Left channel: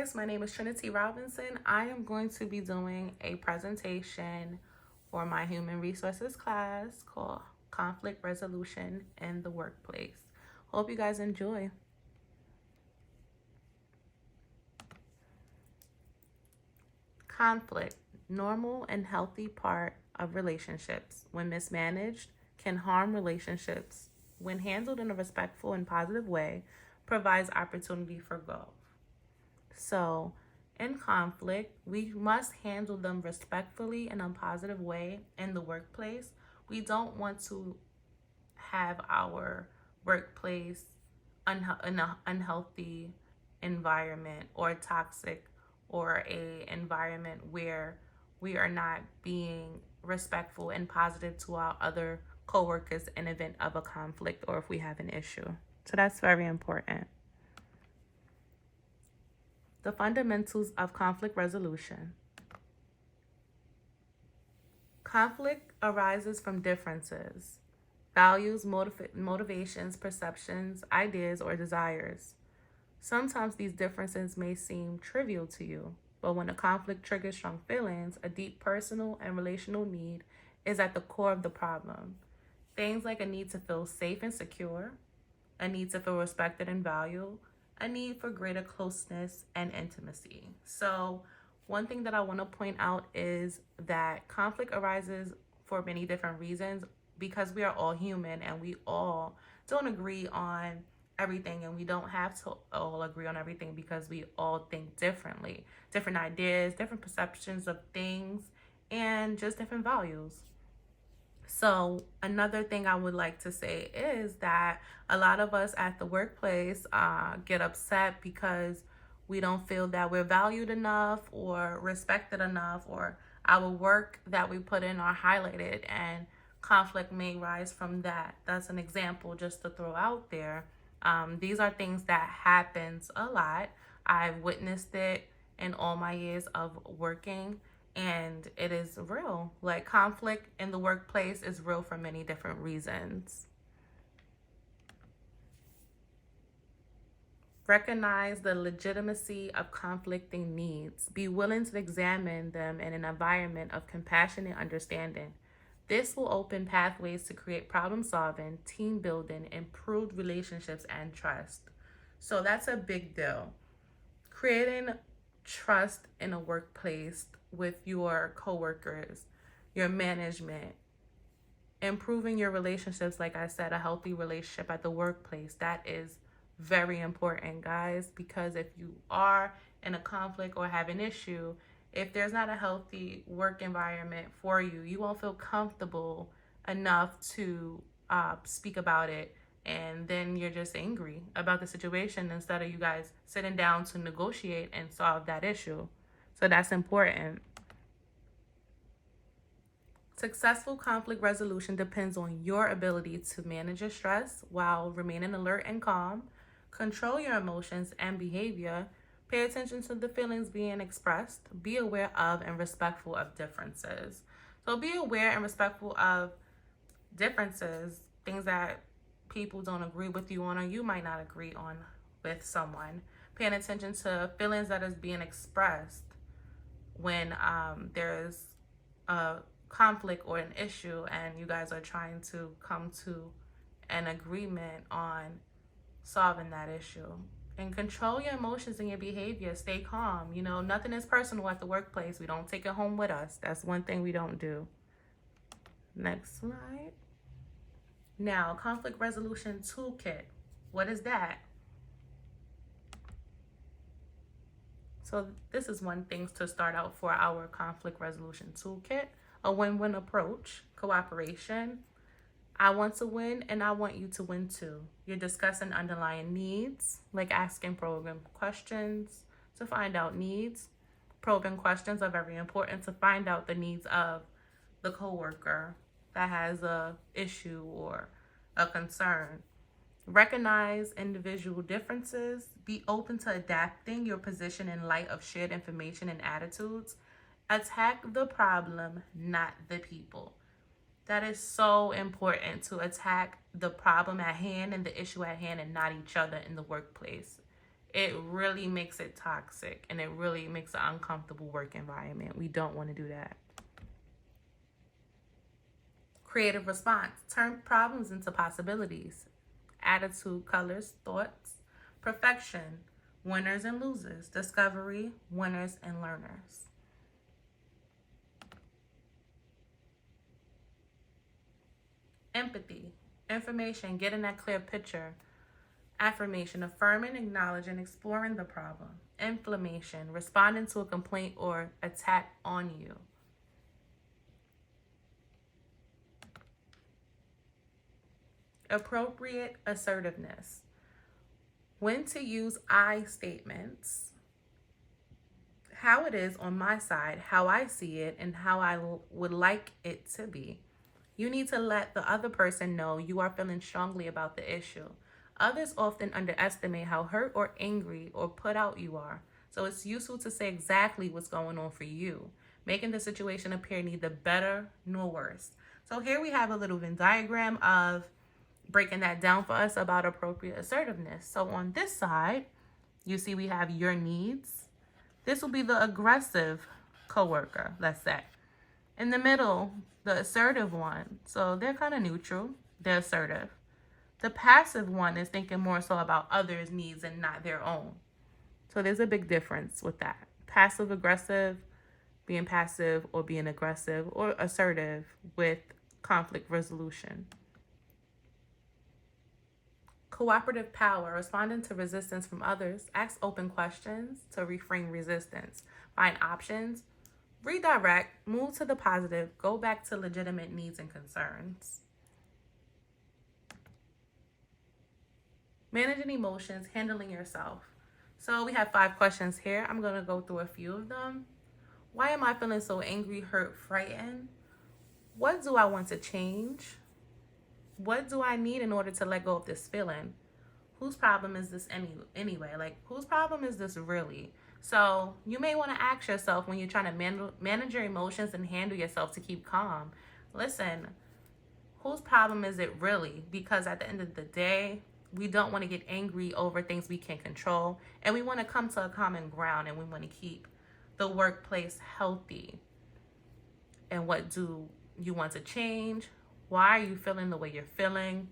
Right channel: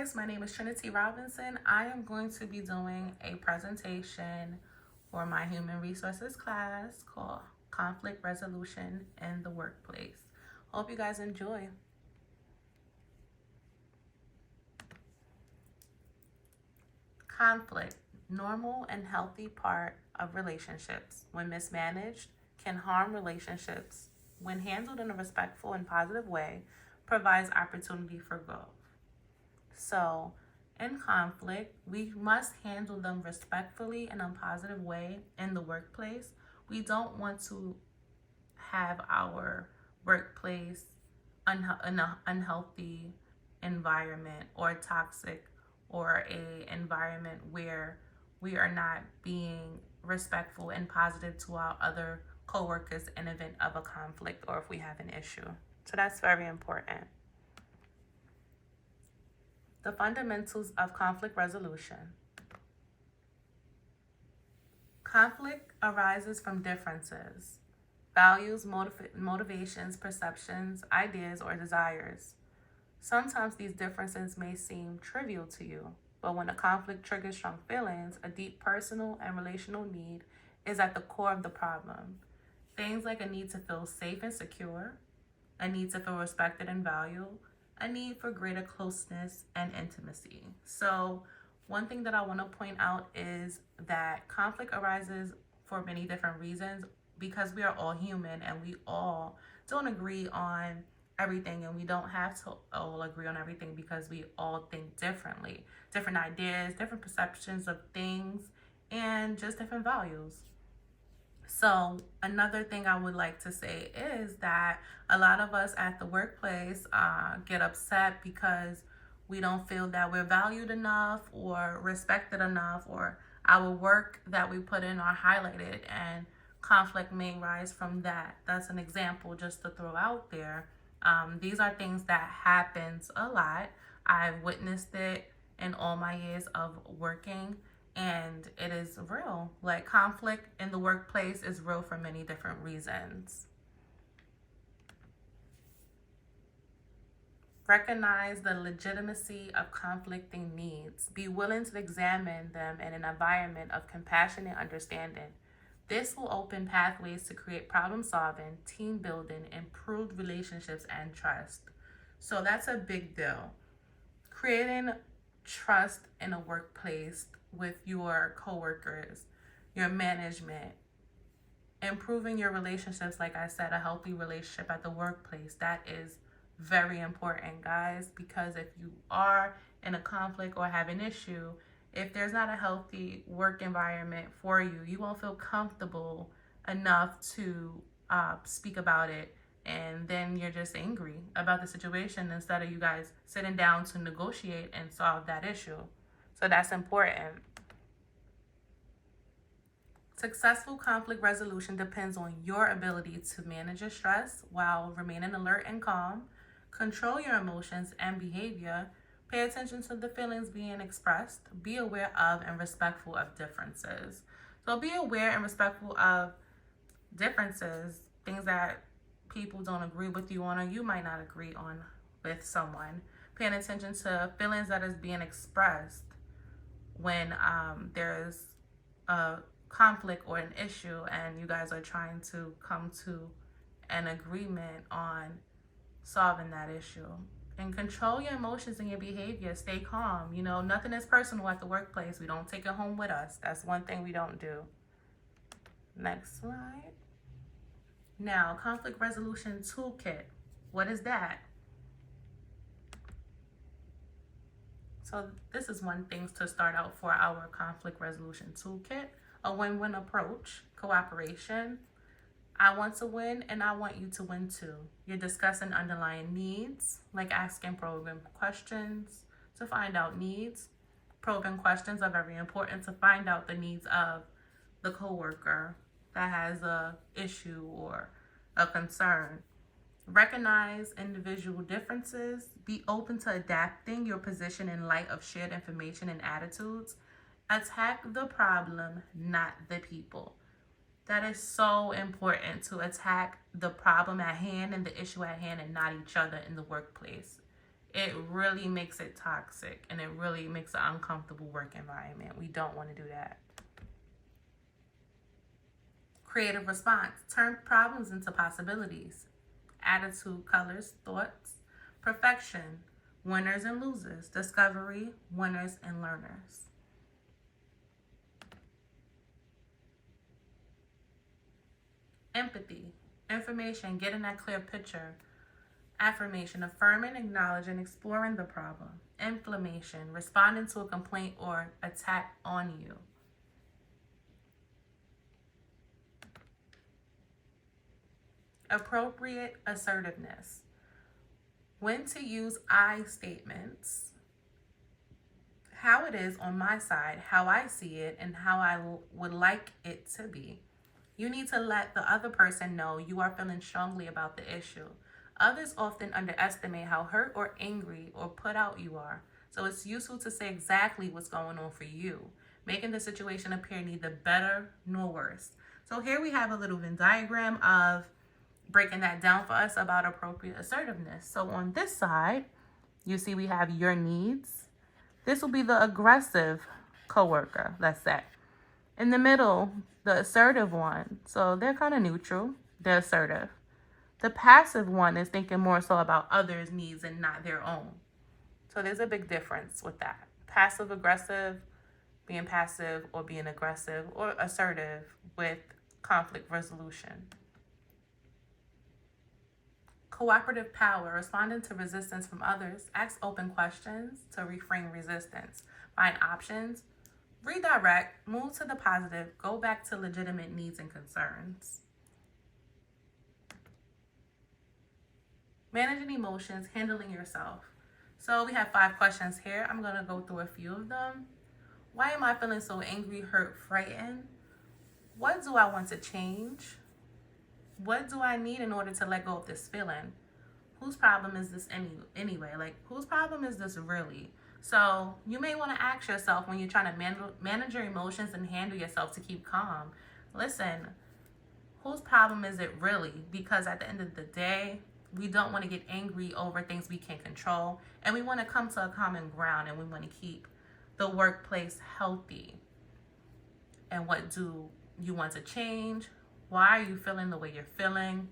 guys, my name is Trinity Robinson. I am going to be doing a presentation for my human resources class called Conflict Resolution in the Workplace. Hope you guys enjoy. Conflict, normal and healthy part of relationships. When mismanaged, can harm relationships. When handled in a respectful and positive way, provides opportunity for growth. So, in conflict, we must handle them respectfully in a positive way in the workplace. We don't want to have our workplace in an unhealthy environment or toxic or a environment where we are not being respectful and positive to our other coworkers in event of a conflict or if we have an issue. So that's very important. The fundamentals of conflict resolution. Conflict arises from differences, values, motivations, perceptions, ideas, or desires. Sometimes these differences may seem trivial to you, but when a conflict triggers strong feelings, a deep personal and relational need is at the core of the problem. Things like a need to feel safe and secure, a need to feel respected and valued, a need for greater closeness and intimacy. So one thing that I want to point out is that conflict arises for many different reasons because we are all human and we all don't agree on everything, and we don't have to all agree on everything because we all think differently. Different ideas, different perceptions of things, and just different values. So another thing I would like to say is that a lot of us at the workplace get upset because we don't feel that we're valued enough or respected enough, or our work that we put in are highlighted, and conflict may rise from that. That's an example just to throw out there. These are things that happens a lot. I've witnessed it in all my years of working, and it is real. Like, conflict in the workplace is real for many different reasons. Recognize the legitimacy of conflicting needs. Be willing to examine them in an environment of compassion and understanding. This will open pathways to create problem solving, team building, improved relationships, and trust. So that's a big deal. Creating trust in a workplace with your coworkers, your management, improving your relationships, like I said, a healthy relationship at the workplace. That is very important, guys, because if you are in a conflict or have an issue, if there's not a healthy work environment for you, you won't feel comfortable enough to speak about it. And then you're just angry about the situation instead of you guys sitting down to negotiate and solve that issue. So that's important. Successful conflict resolution depends on your ability to manage your stress while remaining alert and calm, control your emotions and behavior, pay attention to the feelings being expressed, be aware of and respectful of differences. So be aware and respectful of differences, things that people don't agree with you on or you might not agree on with someone. Paying attention to feelings that is being expressed when there's a conflict or an issue and you guys are trying to come to an agreement on solving that issue. And control your emotions and your behavior. Stay calm. You know, nothing is personal at the workplace. We don't take it home with us. That's one thing we don't do. Next slide. Now, conflict resolution toolkit. What is that? So this is one thing to start out for our conflict resolution toolkit. A win-win approach, cooperation. I want to win and I want you to win too. You're discussing underlying needs, like asking probing questions to find out needs. Probing questions are very important to find out the needs of the coworker that has a issue or a concern. Recognize individual differences. Be open to adapting your position in light of shared information and attitudes. Attack the problem, not the people. That is so important, to attack the problem at hand and the issue at hand and not each other in the workplace. it really makes it toxic and it really makes an uncomfortable work environment. We don't want to do that. Creative response. Turn problems into possibilities. Attitude, colors, thoughts. Perfection. Winners and losers. Discovery. Winners and learners. Empathy. Information. Getting that clear picture. Affirmation. Affirming, acknowledging, exploring the problem. Inflammation. Responding to a complaint or attack on you. Appropriate assertiveness. When to use I statements. How it is on my side, how I see it, and how I would like it to be. You need to let the other person know you are feeling strongly about the issue. Others often underestimate how hurt or angry or put out you are. So it's useful to say exactly what's going on for you, making the situation appear neither better nor worse. So here we have a little Venn diagram of breaking that down for us about appropriate assertiveness. So on this side, you see we have your needs. This will be the aggressive coworker, let's say. In the middle, the assertive one. So they're kind of neutral. They're assertive. The passive one is thinking more so about others' needs and not their own. So there's a big difference with that. Passive aggressive, being passive or being aggressive, or assertive with conflict resolution. Cooperative power, responding to resistance from others. Ask open questions to reframe resistance. Find options. Redirect. Move to the positive. Go back to legitimate needs and concerns. Managing emotions, handling yourself. So we have 5 questions here. I'm going to go through a few of them. Why am I feeling so angry, hurt, frightened? What do I want to change? What do I need in order to let go of this feeling? Whose problem is this anyway? Like, whose problem is this really? So you may want to ask yourself when you're trying to manage your emotions and handle yourself to keep calm. Listen, whose problem is it really? Because at the end of the day, we don't want to get angry over things we can't control. And we want to come to a common ground, and we want to keep the workplace healthy. And what do you want to change? Why are you feeling the way you're feeling?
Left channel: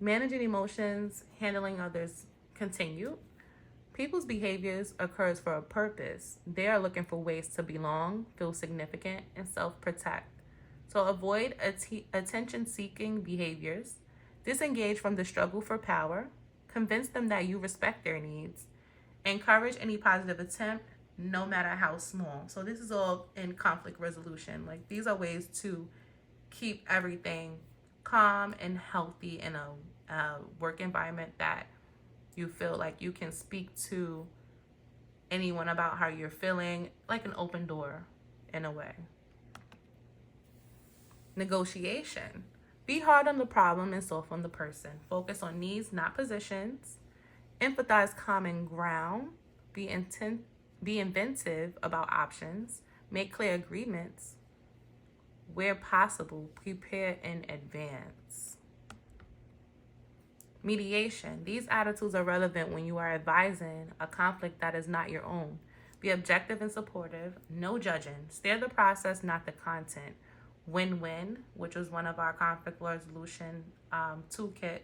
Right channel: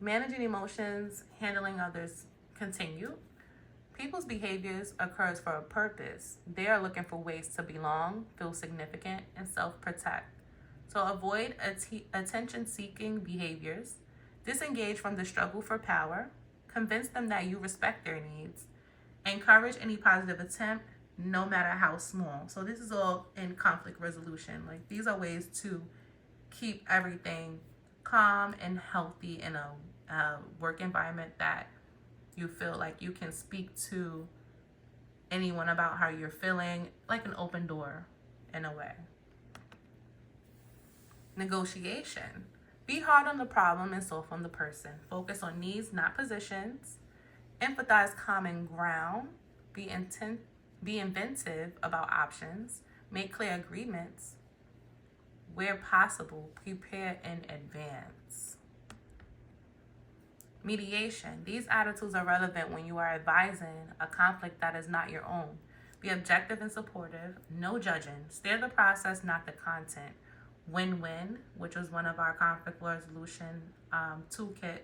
Managing emotions, handling others. Continue. People's behaviors occurs for a purpose. They are looking for ways to belong, feel significant, and self-protect. So avoid attention-seeking behaviors. Disengage from the struggle for power. Convince them that you respect their needs. Encourage any positive attempt, no matter how small. So this is all in conflict resolution. Like, these are ways to keep everything calm and healthy in a work environment that you feel like you can speak to anyone about how you're feeling, like an open door in a way. Negotiation. Be hard on the problem and soft on the person. Focus on needs, not positions. Empathize common ground. Be inventive about options. Make clear agreements. Where possible, prepare in advance. Mediation. These attitudes are relevant when you are advising a conflict that is not your own. Be objective and supportive. No judging. Steer the process, not the content. Win-win, which was one of our conflict resolution toolkit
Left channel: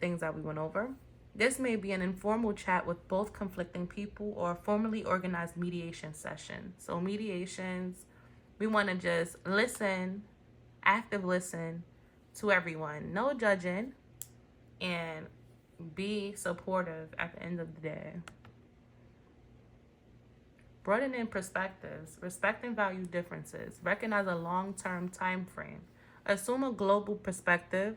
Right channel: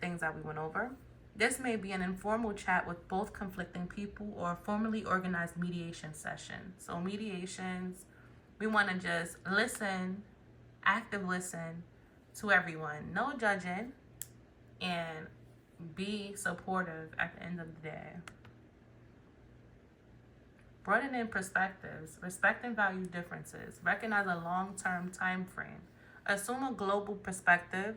things that we went over. This may be an informal chat with both conflicting people or a formally organized mediation session. So mediations, we want to just listen, active listen to everyone. No judging, and be supportive at the end of the day. Broadening perspectives. Respect and value differences. Recognize a long-term time frame. Assume a global perspective.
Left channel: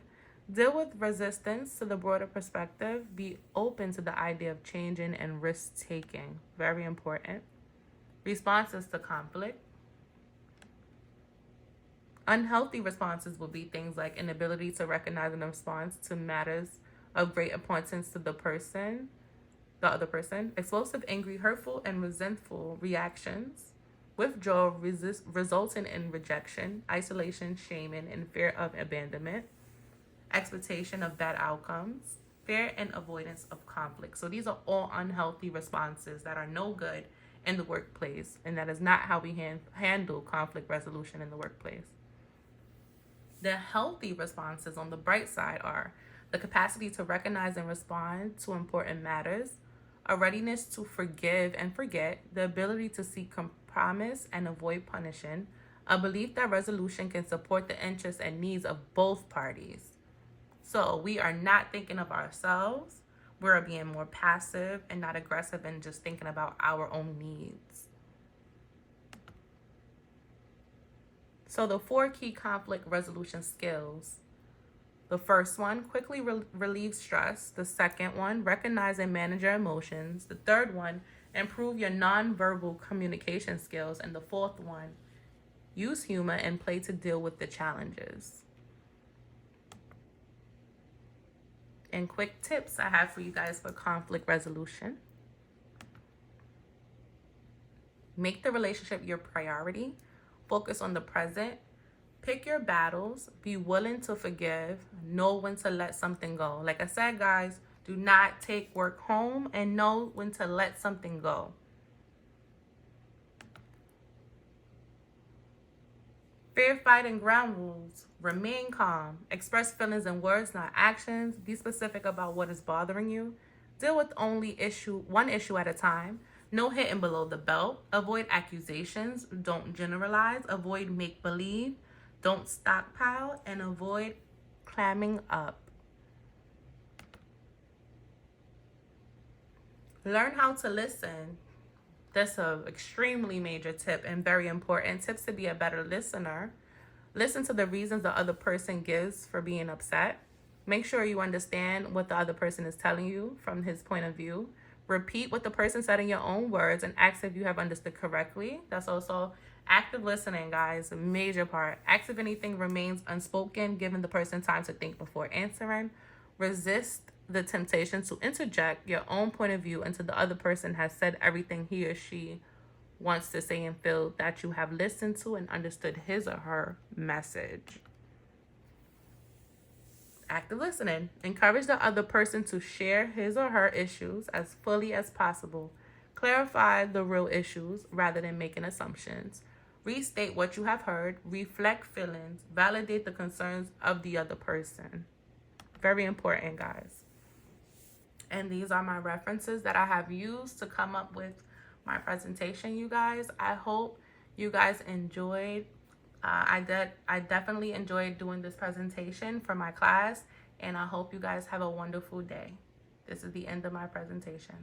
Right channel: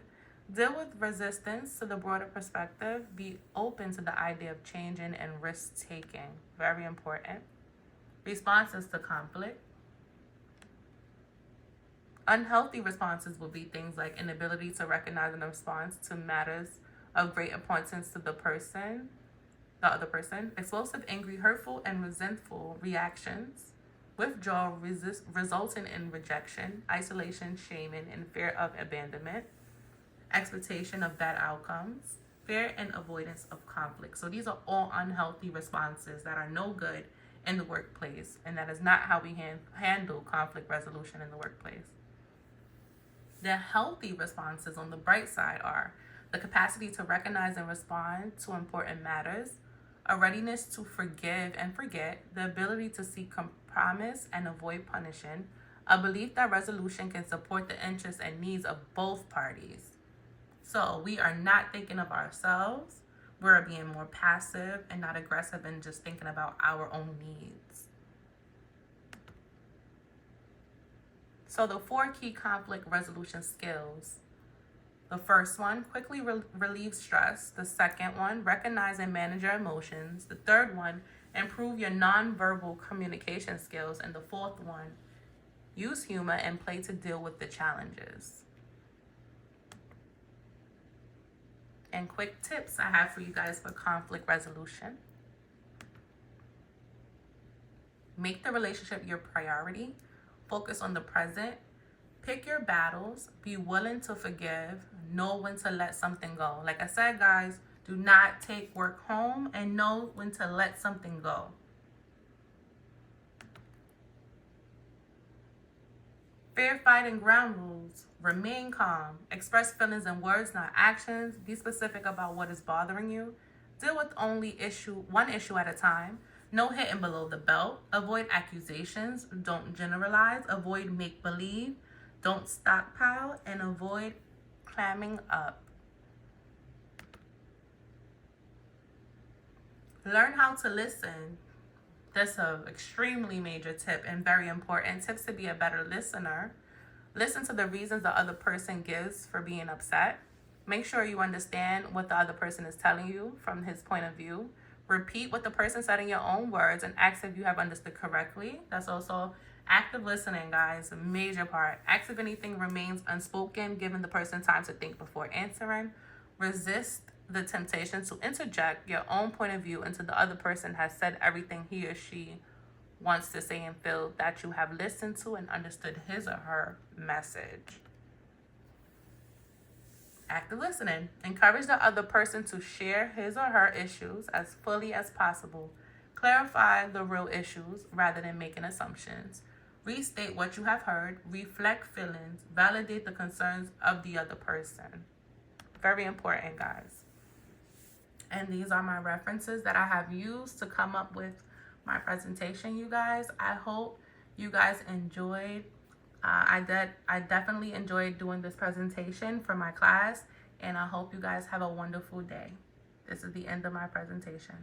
Deal with resistance to the broader perspective. Be open to the idea of changing and risk-taking. Very important. Responses to conflict. Unhealthy responses will be things like inability to recognize and respond to matters of great importance to the other person. Explosive, angry, hurtful, and resentful reactions. Withdrawal resulting in rejection, isolation, shaming, and fear of abandonment. expectation of bad outcomes, fear and avoidance of conflict. So these are all unhealthy responses that are no good in the workplace, and that is not how we handle conflict resolution in the workplace. The healthy responses on the bright side are the capacity to recognize and respond to important matters, a readiness to forgive and forget, the ability to seek compromise and avoid punishing, a belief that resolution can support the interests and needs of both parties. So we are not thinking of ourselves, we're being more passive and not aggressive and just thinking about our own needs. So the 4 key conflict resolution skills. The first one, quickly relieve stress. The second one, recognize and manage your emotions. The third one, improve your nonverbal communication skills. And the fourth one, use humor and play to deal with the challenges. And quick tips I have for you guys for conflict resolution. Make the relationship your priority. Focus on the present. Pick your battles. Be willing to forgive. Know when to let something go. Like I said, guys, do not take work home, and know when to let something go. Fair fighting ground rules. Remain calm. Express feelings in words, not actions. Be specific about what is bothering you. Deal with only one issue at a time. No hitting below the belt. Avoid accusations. Don't generalize. Avoid make-believe. Don't stockpile. And avoid clamming up. Learn how to listen. That's an extremely major tip and very important. Tips to be a better listener. Listen to the reasons the other person gives for being upset. Make sure you understand what the other person is telling you from his point of view. Repeat what the person said in your own words and ask if you have understood correctly. That's also active listening, guys, a major part. Ask if anything remains unspoken, giving the person time to think before answering. Resist the temptation to interject your own point of view until the other person has said everything he or she wants to say and feel that you have listened to and understood his or her message. Active listening. Encourage the other person to share his or her issues as fully as possible. Clarify the real issues rather than making assumptions. Restate what you have heard. Reflect feelings. Validate the concerns of the other person. Very important, guys. And these are my references that I have used to come up with my presentation, you guys. I hope you guys enjoyed. I definitely enjoyed doing this presentation for my class, and I hope you guys have a wonderful day. This is the end of my presentation.